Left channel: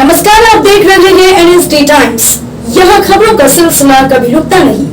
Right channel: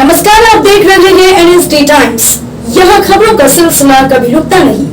नमस्कार, आप देख रहे हैं एनएसडी टाइम्स। यह खबरों का सिलसिला कभी रुकता नहीं।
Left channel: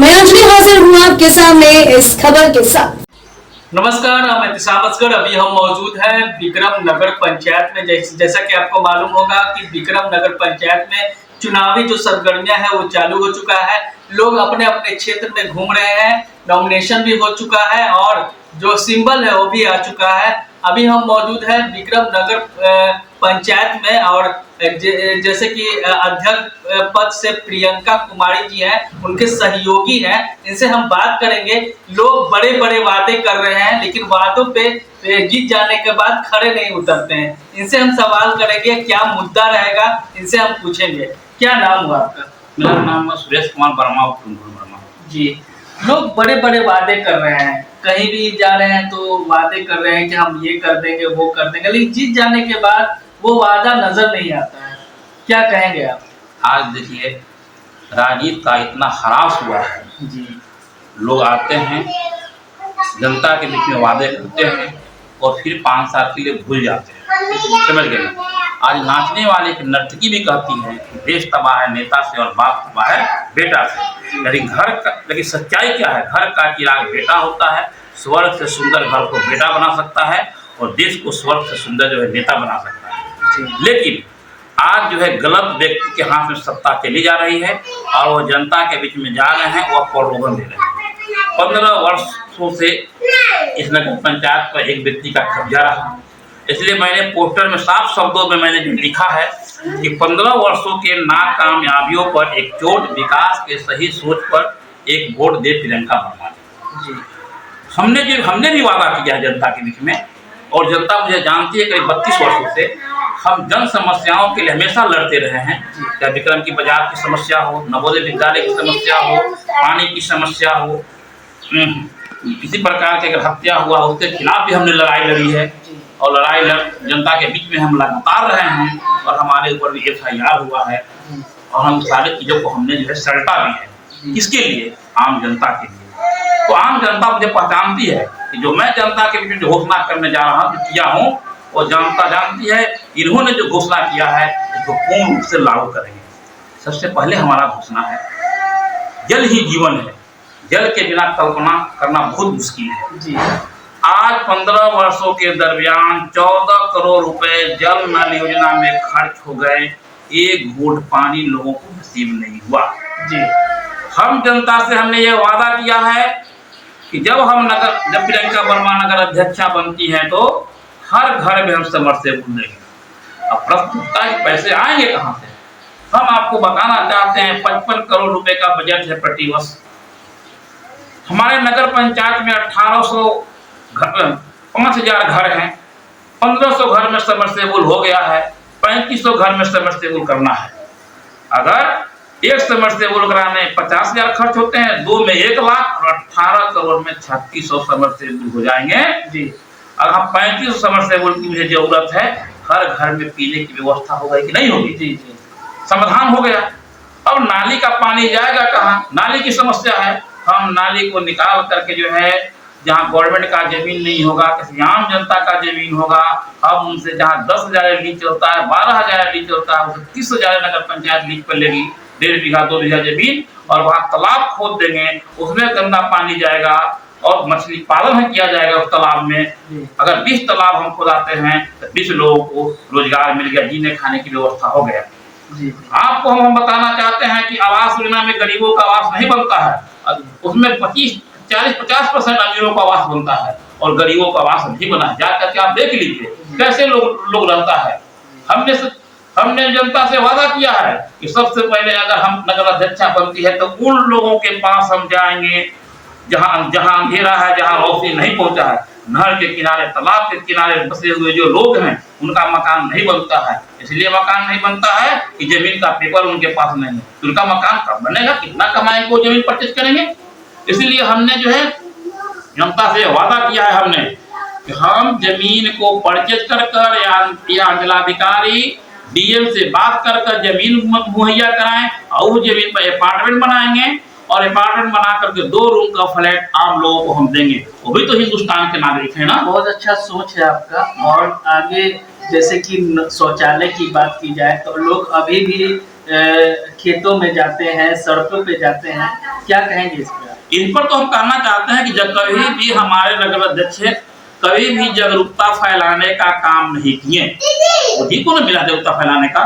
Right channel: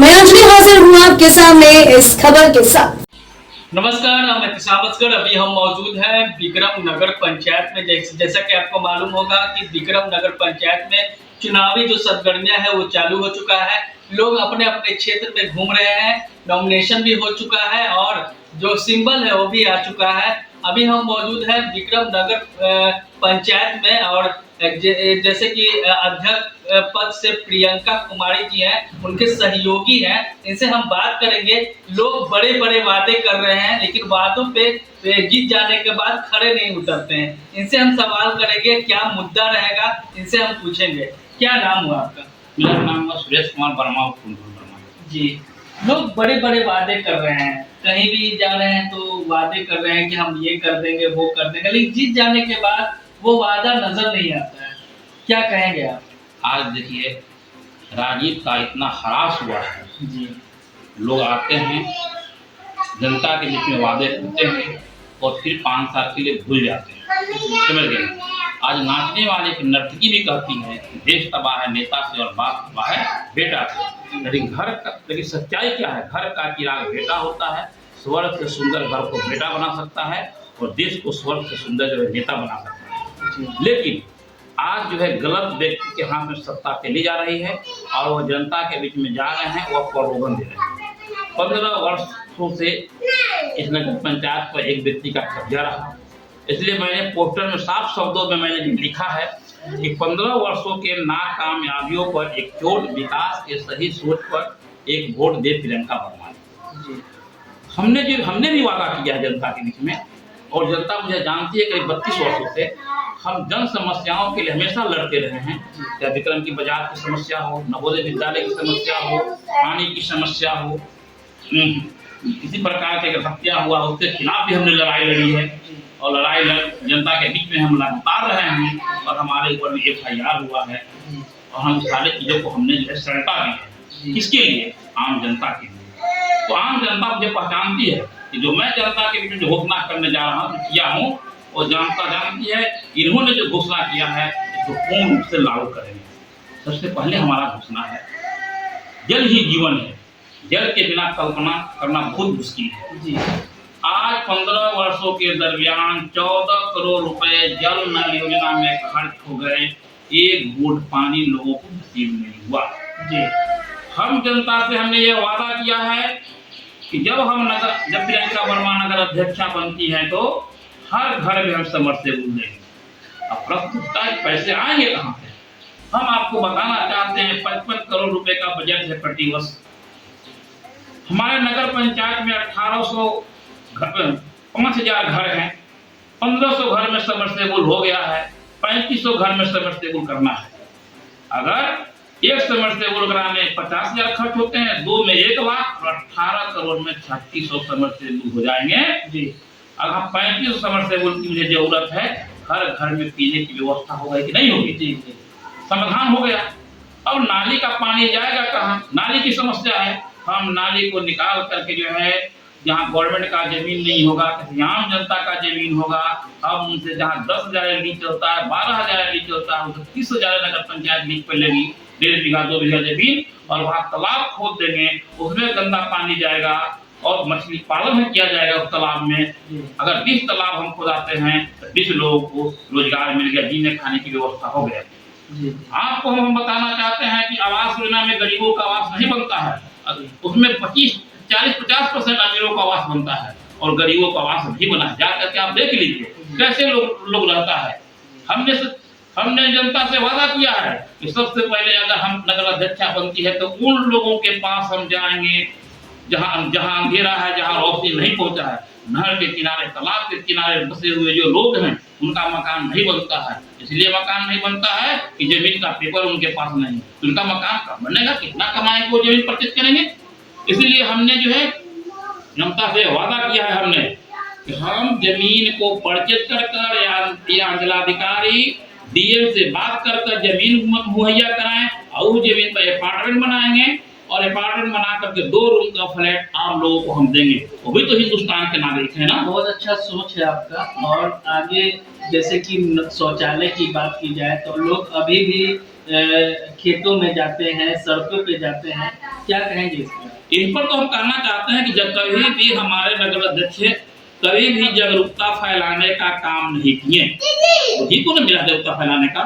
मैं अंजलि हाजिर हूँ आपके सामने इस खबर के साथ। नमस्कार, मैं एहतिसाम असगर। अभी हम मौजूद हैं विक्रम नगर पंचायत में। जैसा कि आपको मालूम होगा कि विक्रम नगर पंचायत में चुनावी जो सरगर्मियां हैं वो चालू हो चुका है। लोग अपने अपने क्षेत्र में घूम रहे हैं। नॉमिनेशन भी हो चुका है और जो सिंबल है वो भी आ चुका है। अभी हम मौजूद हैं विक्रम नगर पंचायत में और जैसे कि अध्यक्ष पद से प्रियंका कुमारी जी हैं, उनके सहयोगी हैं। इनसे हम बात करेंगे। लोग बड़े बड़े वादे कर रहे हैं लेकिन वादों पे जीत जाने के बाद खड़े नहीं उतरते हैं। इनसे हम सवाल करेंगे, क्या मुद्दा रहेगा, इनसे हम पूछेंगे। क्या नाम हुआ आपका? मेरा नाम है सुरेश कुमार वर्मा वर्मा जी। लोग बड़े बड़े वादे कर रहे हैं, कहीं भी जा रहे हैं तो वादे कर रहे हैं कि हम ये कर देंगे वो कर देंगे, लेकिन जीत जाने के बाद वो वादा नजर नहीं आता है। क्या कहेंगे आप? आज देखिए, राजनीति का इतना ह्रास हुआ है जी। लोग आते हैं, जनता के बीच में वादे करते हैं और फिर 5 साल के लिए भूल जाते हैं। समझ गए? आज नाचने वाले की नर्तकी भी कहती है देश तबाह है नेता से और बाप तबाह है बेटा से। लेकिन सच्चाई क्या है? घर का चिराग बेटा होता है। स्वर्ग से सुंदर घर को बेटा बना सकता है और देश को स्वर्ग से सुंदर जो है नेता बना सकता है। लेकिन आज जो है गलत व्यक्ति के हाथ में सत्ता चली जा रही है और वो जनता के बीच में जा रहे हैं, वह प्रलोभन दे रहे हैं। 15 वर्षों से इस नगर पंचायत पर एक व्यक्ति का कब्जा रहा। इसलिए मैंने पोस्टर में साफ शब्दों में मैंने जो लिखा है कि 15 वर्षों के नाकामयाबियों पर एक चोट, विकास के सही सोच पर एक वोट दे प्रियंका वर्मा जी। हमने भी वादा किया है जनता के बीच में और जनता मुझे जानती है। करीब 32 वर्षों से हम जन समस्याओं के लिए हमेशा लड़ते रहे हैं। चाहे विक्रम की बाजार की समस्या हो, नवोदय विद्यालय की समस्या हो, पानी की समस्या हो, किसी प्रकार की अगर हत्या हुआ उसके खिलाफ भी हमने लड़ाई लड़ी है और लड़ाई जनता के बीच में हम लगातार रहे हैं और हमारे ऊपर भी FIR हुआ है और हम सारी चीज़ों को हमने जो है सल्टा भी है। किसके लिए? आम जनता के लिए। तो आम जनता मुझे पहचानती है कि जो मैं जनता के बीच में जो घोषणा करने जा रहा हूँ, किया हूँ, वो जनता जानती है। इन्होंने जो घोषणा किया है उसको पूर्ण रूप से लागू करेंगे। सबसे पहले हमारा घोषणा है जल ही जीवन है। जल के बिना कल्पना करना बहुत मुश्किल है जी। आज 15 वर्षों के दरमियान 14 करोड़ रुपए जल नल योजना में खर्च हो गए। एक घूंट पानी लोगों को नसीब नहीं हुआ जी। हम जनता से हमने ये वादा किया है कि जब प्रियंका वर्मा नगर अध्यक्षा बनती हैं तो हर घर में हम समरसेबुल देंगे। अब प्रश्न उठता है पैसे आएंगे कहाँ से? हम आपको बताना चाहते हैं 55 करोड़ रुपए का बजट है प्रति वर्ष। हमारे नगर पंचायत में 1800 घर 5000 घर हैं। 1500 घर में समरसेबुल हो गया है। 3500 घर में समरसेबुल करना है। अगर एक समरसेबुल कराने 50,000 खर्च होते हैं, 2 में 1 लाख और 18 करोड़ में 3600 समरसेबुल हो जाएंगे जी। अगर हम 3500 समरसेबुल की मुझे जरूरत है, हर घर में पीने की व्यवस्था हो गई कि नहीं होगी? जी जी। समाधान हो गया। अब नाली का पानी जाएगा कहाँ? नाली की समस्या है। हम नाली को निकाल करके जो है जहाँ गवर्नमेंट का जमीन नहीं होगा, किसी आम जनता का जमीन होगा, हम उनसे जहाँ 10,000 लीज चलता है, 12,000 लीज चलता है, उसे 30,000 नगर पंचायत लीज पर लेगी। 1.5 बीघा 2 बीघा जमीन और वहाँ तालाब खोद देंगे। उसमें गंदा पानी जाएगा और मछली पालन है किया जाएगा उस तालाब में। अगर 20 तालाब हम खुदाते हैं तो 20 लोगों को रोजगार मिल गया, जीने खाने की व्यवस्था हो गया जी। आपको हम बताना चाहते हैं कि आवास योजना में गरीबों का आवास नहीं बनता है। उसमें 40-50% अमीरों का आवास बनता है और गरीबों का आवास नहीं बना है। जा करके आप देख लीजिए कैसे लोग रहता है। हमने जनता से वादा किया है कि सबसे पहले अगर हम नगर अध्यक्षा बनती है तो उन लोगों के पास हम जाएंगे जहां अंधेरा है, जहां रोशनी नहीं पहुंचा है। नहर के किनारे, तालाब के किनारे बसे हुए जो लोग हैं उनका मकान नहीं बनता है। इसलिए मकान नहीं बनता है कि जमीन का पेपर उनके पास नहीं है। उनका मकान कब बनेगा? कितना कमाएंगे वो जमीन परचेज करेंगे? इसलिए हमने जो है जनता से वादा किया है हमने कि हम जमीन को परचेज कर या जिलाधिकारी DM से बात कर जमीन मुहैया कराएं और उस जमीन पर अपार्टमेंट बनाएंगे और अपार्टमेंट बना करके 2 रूम का फ्लैट आम लोगों को हम देंगे। वो भी तो हिंदुस्तान के नागरिक है ना। बहुत अच्छा सोच है आपका और आगे जैसे कि शौचालय की बात की जाए तो लोग अभी भी खेतों में जाते हैं, सड़कों पे जाते हैं, क्या कहेंगे इस पर? इन पर तो हम कहना चाहते हैं कि जब कभी भी हमारे नगर अध्यक्ष कभी भी जागरूकता फैलाने का काम नहीं किए, वही को ना मिला जागरूकता फैलाने का।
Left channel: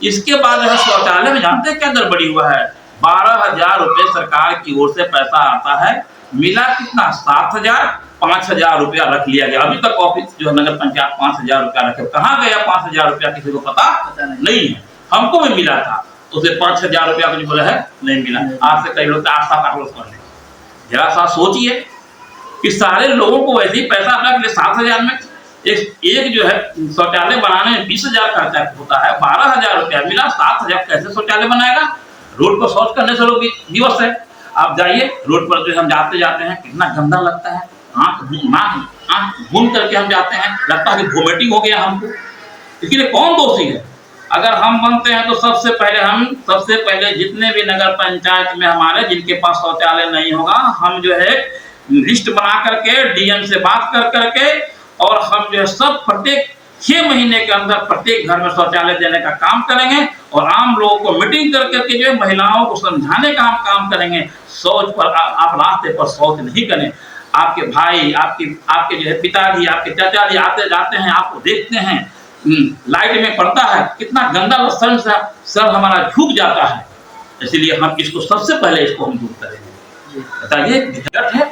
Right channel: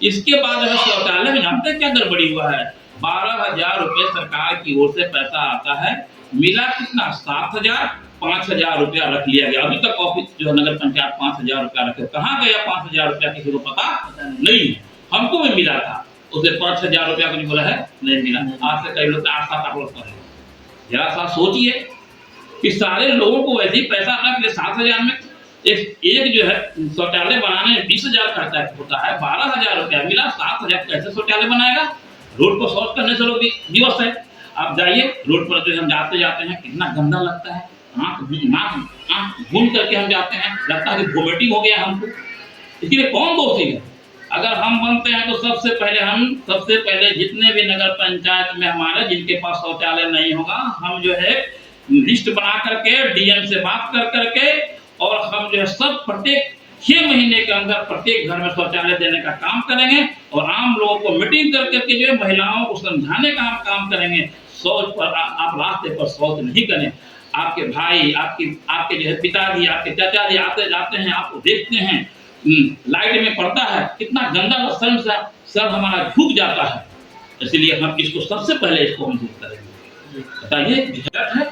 इसके बाद जो है शौचालय में जानते हैं क्या गड़बड़ी हुआ है, 12,000 रुपए सरकार की ओर से पैसा आता है, मिला कितना 7,000, 5,000 रुपया रख लिया गया। अभी तक ऑफिस जो है नगर पंचायत 5,000 रुपया रखे, कहाँ गया 5,000 रुपया किसी को पता नहीं है। हमको भी मिला था, उसे 5,000 रुपया कुछ बोला है नहीं मिला। आज से कई लोग 8-7 वर्ष पहले, जरा सा सोचिए कि सारे लोगों को वैसे ही पैसा रख ले। 7,000 में एक जो है शौचालय बनाने में 20,000 खर्चा होता है, 12,000 रुपया मिला, 7,000 कैसे शौचालय बनाएगा? रोड पर शौच करने से लोग दिवस है। आप जाइए रोड पर, जो हम जाते हैं कितना गंदा लगता है, आंख घूम करके हम जाते हैं, लगता है कि वोमिटिंग हो गया हमको। इसके लिए कौन दोषी है? अगर हम बनते हैं तो सबसे पहले जितने भी नगर पंचायत में हमारे जिनके पास शौचालय नहीं होगा, हम जो है लिस्ट बना करके डीएम से बात कर करके, और हम जो है सब प्रत्येक 6 महीने के अंदर प्रत्येक घर में शौचालय देने का काम करेंगे, और आम लोगों को मीटिंग कर करके जो है महिलाओं को समझाने का हम काम करेंगे। शौच पर आप रास्ते पर शौच नहीं करें। आपके भाई, आपके जो है पिताजी, आपके चाचा जी आते जाते हैं, आपको देखते हैं लाइट में पड़ता है, कितना गंदा लक्षण सा सर हमारा झुक जाता है। इसलिए हम इसको सबसे पहले इसको हम दूर करेंगे। बताइए, बजट है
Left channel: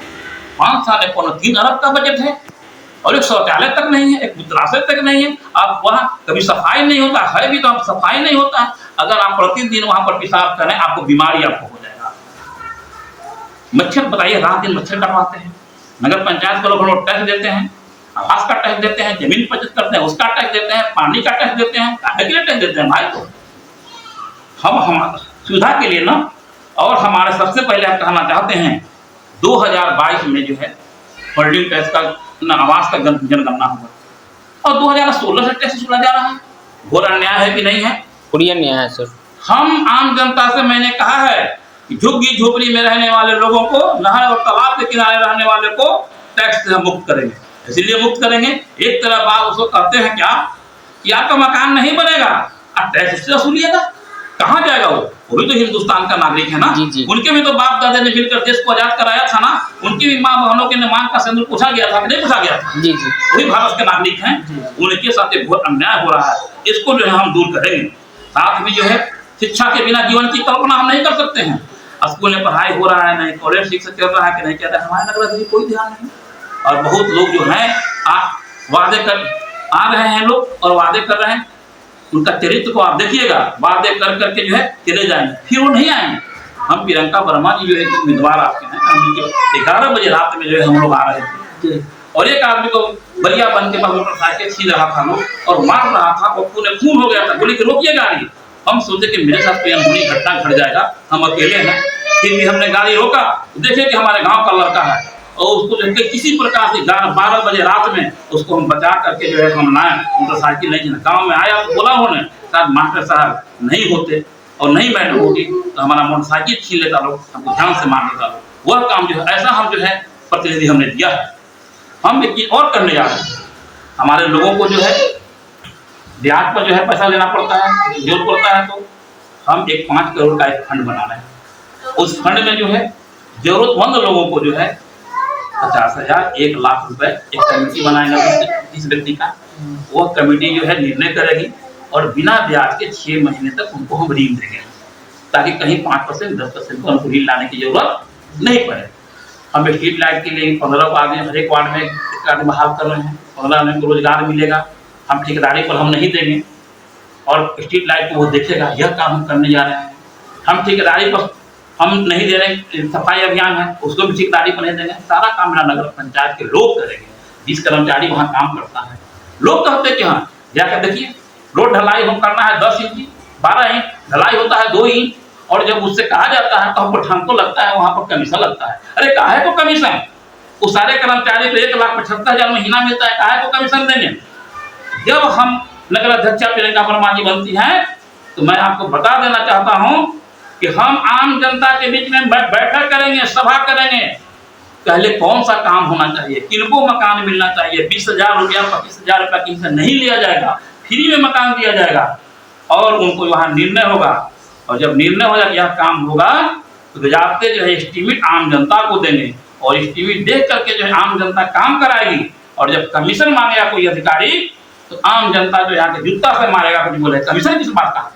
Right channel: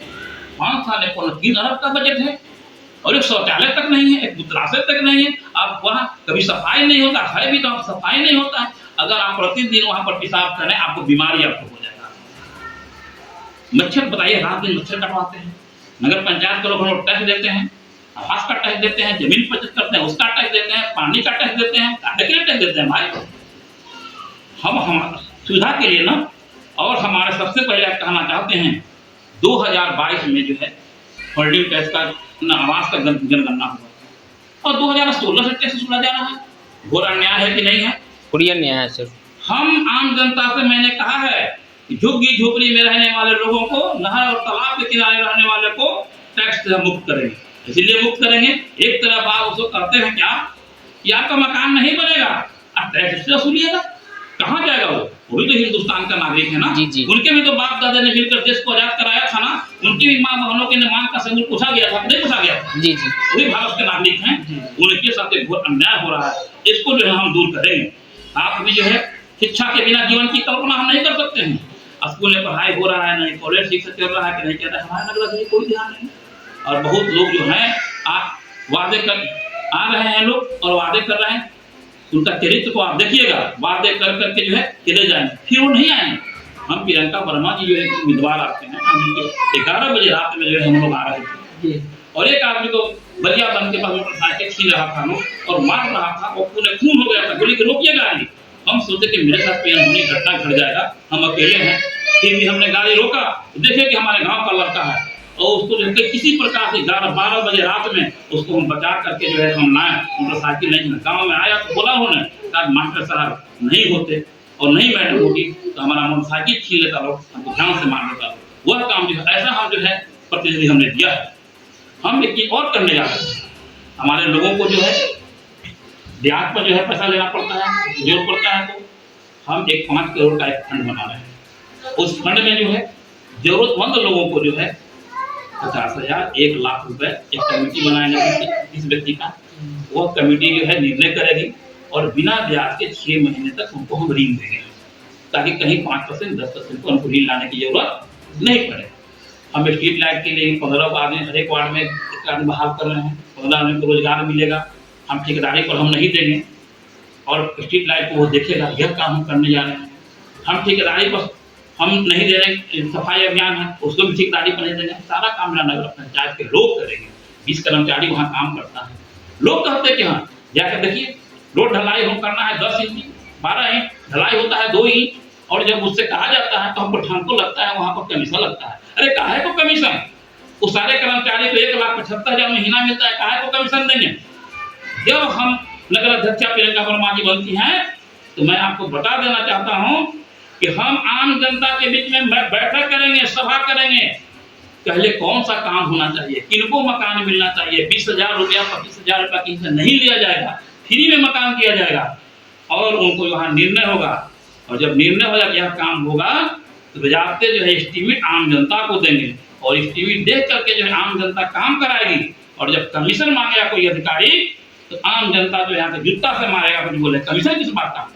5 साल में 3 अरब का बजट है, और एक शौचालय तक नहीं है, एक मूत्राशय तक नहीं है। आप वहाँ कभी सफाई नहीं होता है, भी तो आप सफाई नहीं होता है। अगर आप प्रतिदिन वहां पर पेशाब करें, आपको बीमारी आपको हो जाएगा। मच्छर, बताइए, रात दिन मच्छर कटवाते हैं। नगर पंचायत के लोग टैक्स देते हैं, आवास का टैक्स देते हैं, जमीन बचत करते हैं उसका टैक्स देते हैं, पानी का टैक्स देते हैं, काहे के लिए टैक्स देते हैं भाई? हम सुविधा के लिए ना। और हमारे सबसे पहले हम कहना चाहते हैं 2022 में जो है होल्डिंग टैक्स का आवास का जनगणना हुआ, और 2016 से टैक्स वसूला जा रहा है। घोर अन्याय है कि नहीं है? पूरी अन्याय है सर। हम आम जनता से मैंने कहा है कि झुग्गी झोपड़ी में रहने वाले लोगों को, नहर और तालाब के किनारे रहने वाले को टैक्स से मुक्त करेंगे। इसलिए मुक्त करेंगे, एक तरफ आप उसको कहते हैं क्या कि आपका मकान नहीं बनेगा, आप टैक्स उससे वसूलिएगा, कहाँ जाएगा वो भी तो हिंदुस्तान का नागरिक है ना। जी। उनके भी तो बाप दादा ने मिलकर देश को आजाद कराया था ना, उनकी भी माँ बहनों के नाम का सिंदूर पूछा गया था, नहीं पूछा गया था? जी। वही भारत के नागरिक हैं, उनके साथ एक बहुत अन्याय हो रहा है, इसको जो है हम दूर करेंगे। साथ में जो है शिक्षा के बिना जीवन की कल्पना हम नहीं कर सकते हैं। स्कूल में पढ़ाई हो रहा है नहीं, कॉलेज ठीक से चल रहा है कि नहीं चल रहा है, हमारे नगर अध्यक्ष कोई ध्यान नहीं। और बहुत लोग जो हैं वादे कर आ रहे हैं लोग, और वादे कर रहे हैं, उनका चरित्र को आप देखिएगा, वादे कर करके जो है चले जाएंगे, फिर वो नहीं आएंगे। हम प्रियंका वर्मा जी जो है उम्मीदवार आपके हैं, हम 11 बजे रात में जो है हम लोग आ रहे थे, और एक आदमी को बलिया बन के पास मोटरसाइकिल छीन रहा था लोग और मार रहा था, और खून हो गया था, बोले कि रोकिए गाड़ी। हम सोचे कि मेरे साथ कोई अनहोनी घटना घट जाएगा, हम अकेले हैं, फिर भी हमने गाड़ी रोका, देखे कि हमारे गाँव का लड़का है, और उसको जो है किसी प्रकार से 12 बजे रात में उसको हम बचा करके जो है हम लाए। मोटरसाइकिल नहीं, गांव में आया तो बोला उन्होंने, शायद मास्टर साहब नहीं होते और नहीं मैडम होगी तो हमारा मोटरसाइकिल छीन लेता लोग, हमको जान से मार लेता लोग। वह काम जो है ऐसा हम जो है प्रतिनिधि हमने दिया है। हम एक चीज और करने जा रहे हैं, हमारे लोगों को जो है ब्याज पर जो है पैसा लेना पड़ता है, जरूरत पड़ता है, तो हम एक 5 करोड़ का एक फंड बना रहे हैं। उस फंड में जो है जरूरतमंद लोगों को जो है 50,000, 1 लाख रुपए एक कमेटी बनाएगा 30 व्यक्ति का। वह कमेटी जो है निर्णय करेगी, और बिना ब्याज के 6 महीने तक उनको हम ऋण देंगे, ताकि कहीं 5%, 10% को उनको ऋण लाने की जरूरत नहीं पड़े। हम स्ट्रीट लाइट के लिए 15 आदमी हर एक वार्ड में एक आदमी बहाल कर रहे हैं, 15 आदमी को रोजगार मिलेगा। हम ठेकेदारी पर हम नहीं देंगे, और स्ट्रीट लाइट को वो देखेगा, यह काम हम करने जा रहे हैं। हम ठेकेदारी पर हम नहीं दे रहे, सफाई अभियान है उसको भी ठेकेदारी पर नहीं देंगे, सारा काम मेरा नगर पंचायत के लोग करेंगे। 20 कर्मचारी वहाँ काम करता है। लोग कहते हैं कि हाँ जाकर देखिए, रोड ढलाई हम करना है 10 इंच, 12 इंच, ढलाई होता है 2 इंच, और जब उससे कहा जाता है तो हमको ठंड को लगता है वहाँ पर कमीशन लगता है। अरे काहे को कमीशन? उस सारे कर्मचारी को 1,75,000 महीना मिलता है, काहे को कमीशन देंगे? जब हम नगर अध्यक्षा प्रियंका वर्मा जी बनती हैं तो मैं आपको बता देना चाहता हूं कि हम आम जनता के बीच में बैठक करेंगे, सभा करेंगे। पहले कौन सा काम होना चाहिए, किनको मकान मिलना चाहिए, 20,000 रुपया 25,000 रुपया किसी से नहीं लिया जाएगा। फ्री में मकान दिया जाएगा और उनको वहाँ निर्णय होगा। और जब निर्णय हो जाए यह काम होगा तो बजाते जो है एस्टीमेट आम जनता को देंगे और एस्टीमेट देख करके जो है आम जनता काम कराएगी। और जब कमीशन मांगेगा कोई अधिकारी तो आम जनता जो यहाँ के जूता से मारेगा, कुछ बोले कमीशन किस बात का।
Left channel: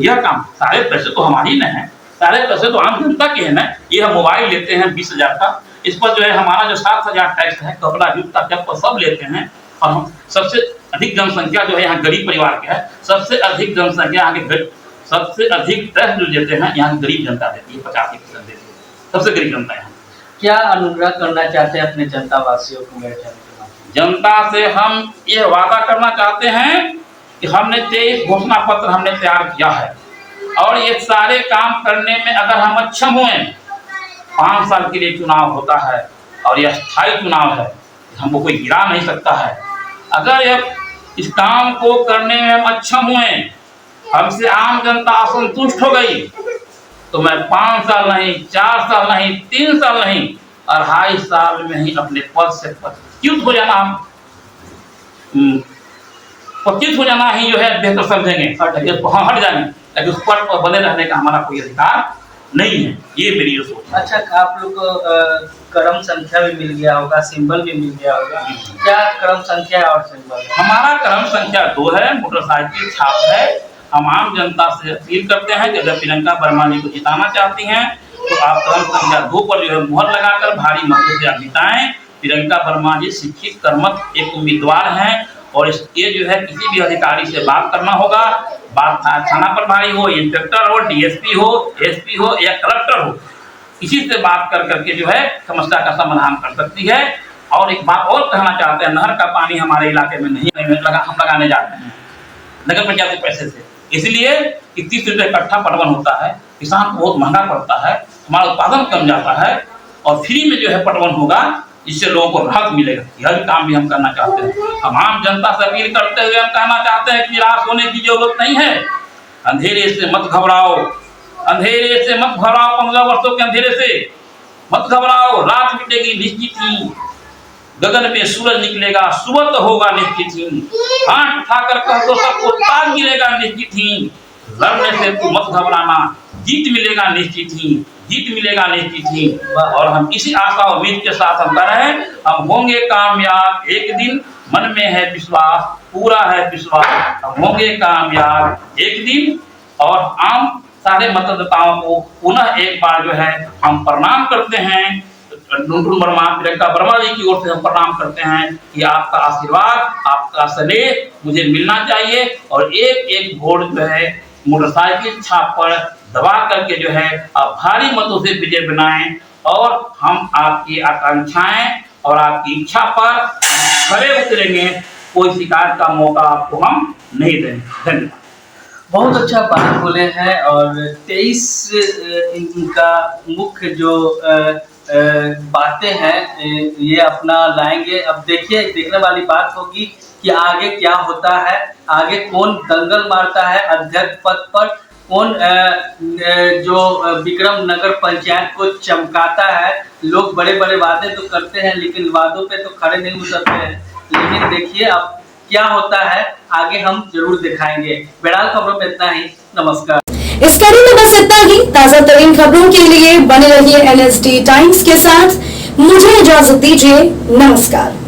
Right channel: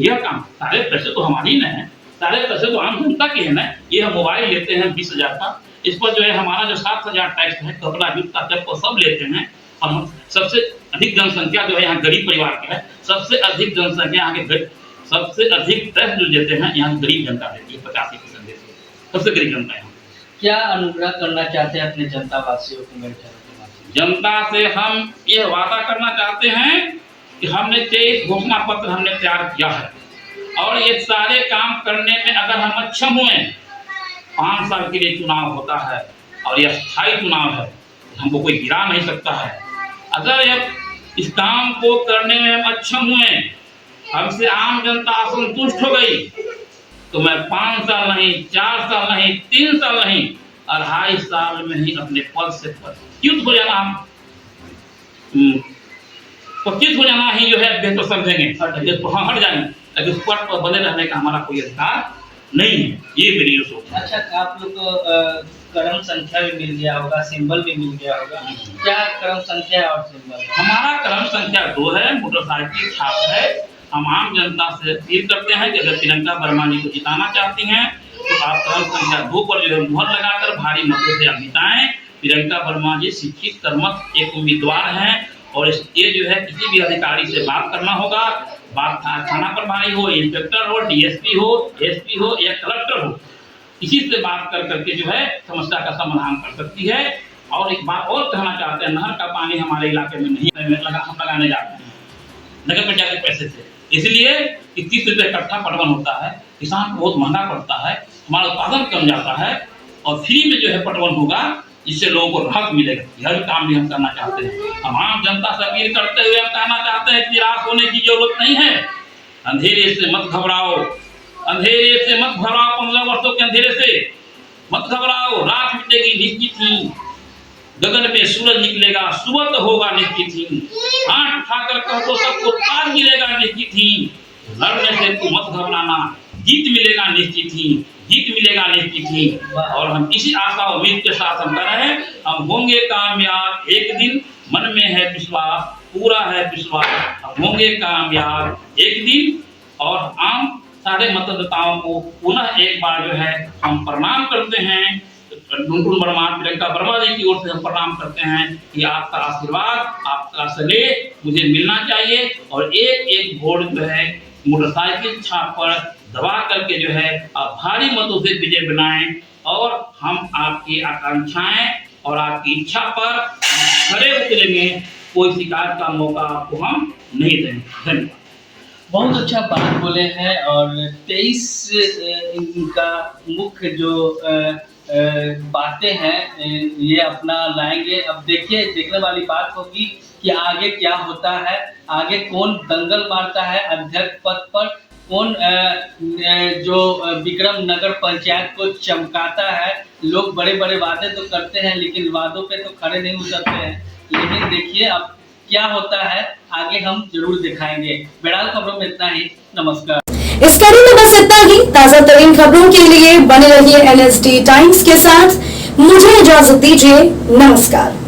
यह काम सारे पैसे तो हमारी न है, सारे पैसे तो आम जनता के है ना। ये हम मोबाइल लेते हैं 20,000 का, इस पर जो है हमारा जो 7,000 टैक्स है, कपड़ा जूता चप्पल सब लेते हैं। और हम सबसे अधिक जनसंख्या जो है यहाँ गरीब परिवार की है, सबसे अधिक जनसंख्या यहाँ के सबसे अधिक टैक्स जो देते हैं यहाँ गरीब जनता देती है, 85% देती है, सबसे गरीब जनता यहाँ। क्या अनुरोध करना चाहते हैं अपने जनता वासियों को? मेरे जनता से हम ये वादा करना चाहते हैं कि हमने 23 घोषणा पत्र हमने तैयार किया है और ये सारे काम करने में अगर हम अक्षम हुए, 5 साल के लिए चुनाव होता है और यह स्थायी चुनाव है, हमको कोई गिरा नहीं सकता है। अगर यह इस काम को करने में हम अक्षम हुए, हमसे आम जनता असंतुष्ट हो गई, तो मैं 5 साल नहीं, 4 साल नहीं, 3 साल नहीं, 2.5 साल में ही अपने पद से पदच्युत हो जाना, पदच्युत हो जाना ही जो है बेहतर समझेंगे। हट जाएंगे, लेकिन उस पद पर बने रहने का हमारा कोई अधिकार नहीं है। ये मेरी सोच है। अच्छा, आप लोग को क्रम संख्या भी मिल गया होगा, सिंबल भी मिल गया होगा, क्या क्रम संख्या है और सिंबल? हमारा क्रम संख्या 2 है, मोटरसाइकिल छाप है। हम आम जनता से अपील करते हैं कि अगर प्रियंका वर्मा जी को जिताना चाहती हैं तो आप क्रम संख्या 2 पर जो है मुहर लगाकर भारी मतों से आप जिताएं। प्रियंका वर्मा जी शिक्षित कर्मठ एक उम्मीदवार हैं और ये जो है किसी भी अधिकारी से बात करना होगा, बात थाना प्रभारी हो, इंस्पेक्टर हो, डीएसपी हो, एसपी हो या कलेक्टर हो, किसी से बात कर करके जो है समस्या का समाधान कर सकती है। और एक बात और कहना चाहते हैं, नहर का पानी हमारे इलाके में नहीं हम लगाने जाते हैं नगर पंचायत के पैसे से, इसलिए कि 30 रुपये इकट्ठा पटवन होता है, किसान को बहुत महंगा पड़ता है, हमारा उत्पादन कम जाता है और फ्री में जो है पटवन होगा जिससे लोगों को राहत मिलेगा। यह काम भी हम करना चाहते हैं। हम आम जनता से अपील करते हुए हम कहना चाहते हैं कि निराश होने की जरूरत नहीं है। अंधेरे से मत घबराओ, अंधेरे से मत घबराओ, 15 वर्षों के अंधेरे से मत घबराओ, रात बीतेगी निश्चित ही, गगन में सूरज निकलेगा, सुबह तो होगा निश्चित ही, हाथ उठाकर कह दो सबको ताज गिरेगा निश्चित ही, लड़ने से तू मत घबराना, जीत मिलेगा निश्चित ही, जीत मिलेगा निश्चित ही। और हम इसी आशा उम्मीद के साथ हम कर रहे हैं, हम होंगे कामयाब एक दिन, मन में है विश्वास, पूरा है विश्वास, हम होंगे कामयाब एक दिन। और आम सारे मतदाताओं को पुनः एक बार जो है हम प्रणाम करते हैं, टुनटुन वर्मा, प्रियंका वर्मा जी की ओर से हम प्रणाम करते हैं कि आपका आशीर्वाद, आपका स्नेह मुझे मिलना चाहिए और एक एक वोट जो है मोटरसाइकिल छाप पर दबा करके जो है आप भारी मतों से विजय बनाएं और हम आपकी आकांक्षाएं और आपकी इच्छा पर खरे उतरेंगे। कोई शिकायत का मौका आपको हम नहीं देंगे। धन्यवाद। बहुत अच्छा बात बोले हैं और 23 इनका मुख्य जो बातें हैं ये अपना लाएंगे। अब देखिए, देखने वाली बात होगी कि आगे क्या होता है, आगे कौन दंगल मारता है अध्यक्ष पद पर, कौन जो विक्रम नगर पंचायत को चमकाता है। लोग बड़े बड़े वादे तो करते हैं लेकिन वादों पे तो खड़े नहीं उतरते हैं। लेकिन देखिए अब क्या होता है, आगे हम जरूर दिखाएंगे। बहरहाल खबरों में इतना ही। नमस्कार। इस कड़ी में बस इतना ही। ताजा तरीन खबरों के लिए बने रहिए NSD टाइम्स के साथ। मुझे इजाजत दीजिए। नमस्कार।